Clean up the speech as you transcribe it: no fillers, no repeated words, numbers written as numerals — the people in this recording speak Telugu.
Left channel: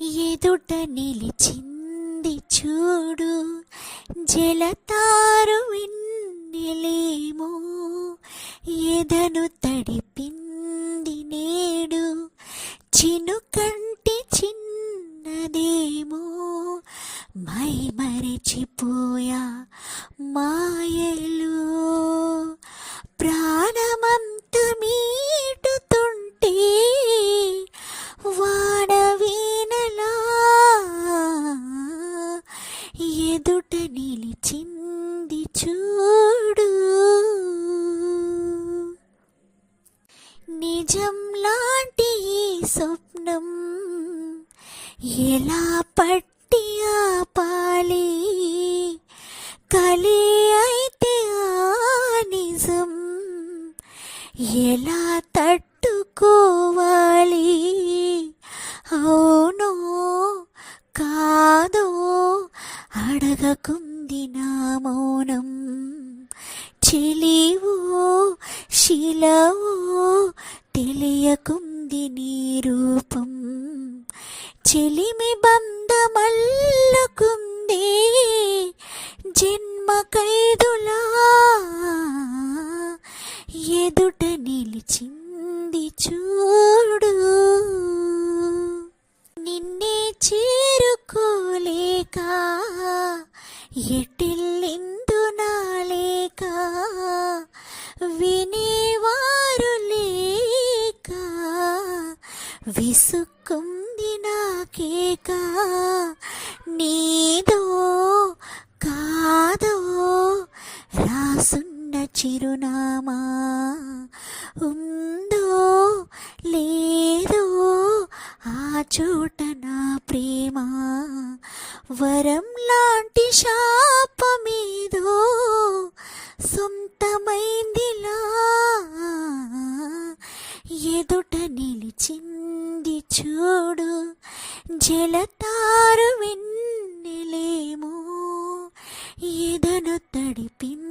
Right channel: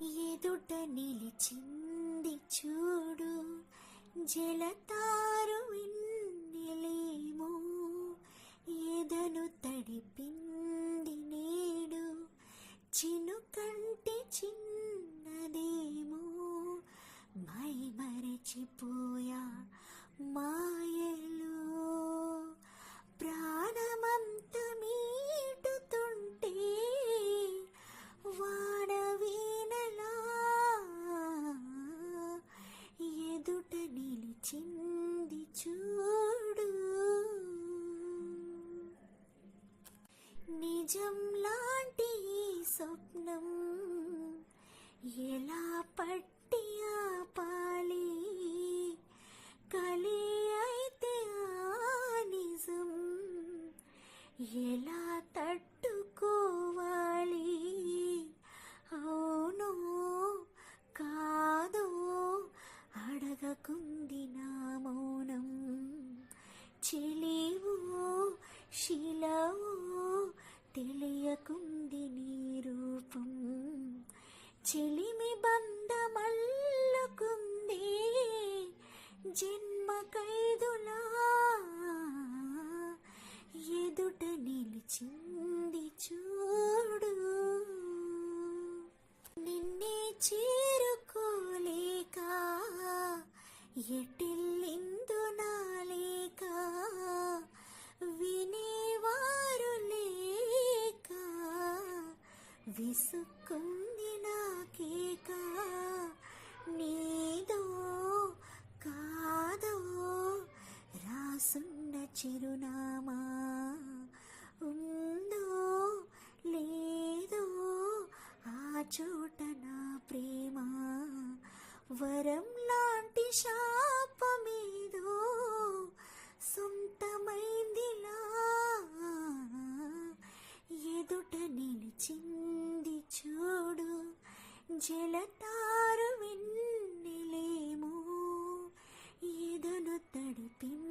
ఎదుట నిలిచింది చూడు జలతారు వెన్నెలేమో, ఎదను తడిపింది నేడు చినుకంటి చిన్నదేమో. మై మరచిపోయా మాయలు ప్రాణమంత మీటుతుంటే వాన వీణలా ఎదుట నిలిచింది చూడు. నిజం లాంటి ఈ స్వప్నం ఎలా పట్టి ఆపాలి, కలి అయితే ఆ నిజం ఎలా తట్టుకోవాలి. అవునో కాదో అడగకుంది నా మౌనం, చెలివో శిలవో తెలియకుంది నీ రూపం. చెలిమి బంధమల్లుకుందే జన్మ ఖైదులా, ఎదుట నిలిచింది చూడు. నిన్నే చేరుకోలేక ఎటెళ్ళిందు నాలేక, వినేవారు లేక విసుక్కుంది నాకేక. నీదో కాదో రాసున్న చిరునామా, ఉందో లేదో ఆ చోట నా ప్రేమ. వరం లాంటి శాపమేదో సొంతమైందిలా, ఎదుట నిలిచింది చూడు జలతారు వెన్నెలేమో, ఎదను తడిపింది